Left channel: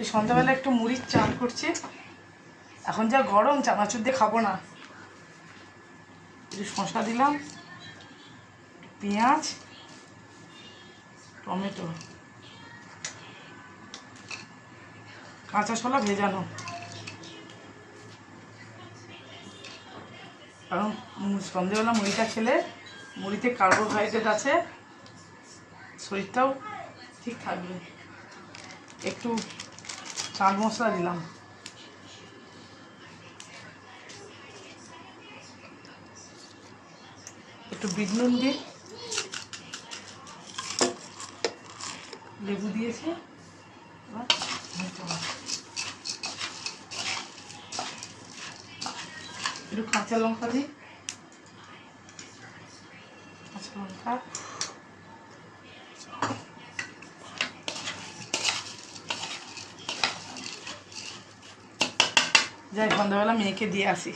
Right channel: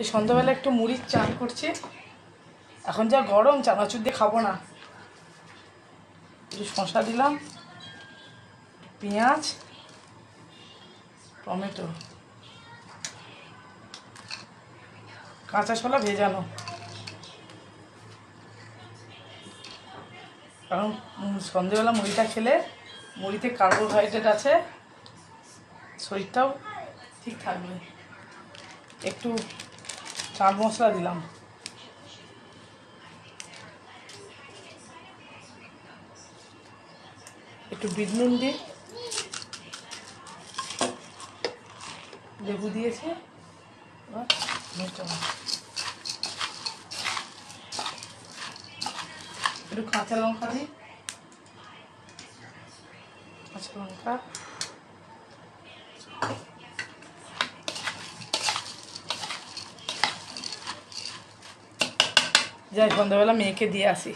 এই সন্ধ্যাবেলা একটু মুড়ির চান করছি। এখন যা গরম, চানাচুর দিয়ে খাবো না। একটু শসা দিলাম, পেঁয়াজ, টমেটো, কাঁচা ছোলা ভেজানো। কারণ সন্ধ্যাবেলা মুড়িটা খেলে মুড়িতে কার্বোহাইড্রেট আছে, শরীরটাও ঠিক থাকবে। একটু চাট মশলা দিলাম, একটু বিট নুন দিই, লেবু দিয়েছি, একটু কাঁচা লঙ্কা দিই, কাঁচা লঙ্কা, যাই সন্ধ্যাবেলা মেয়েকে দিয়ে আসি।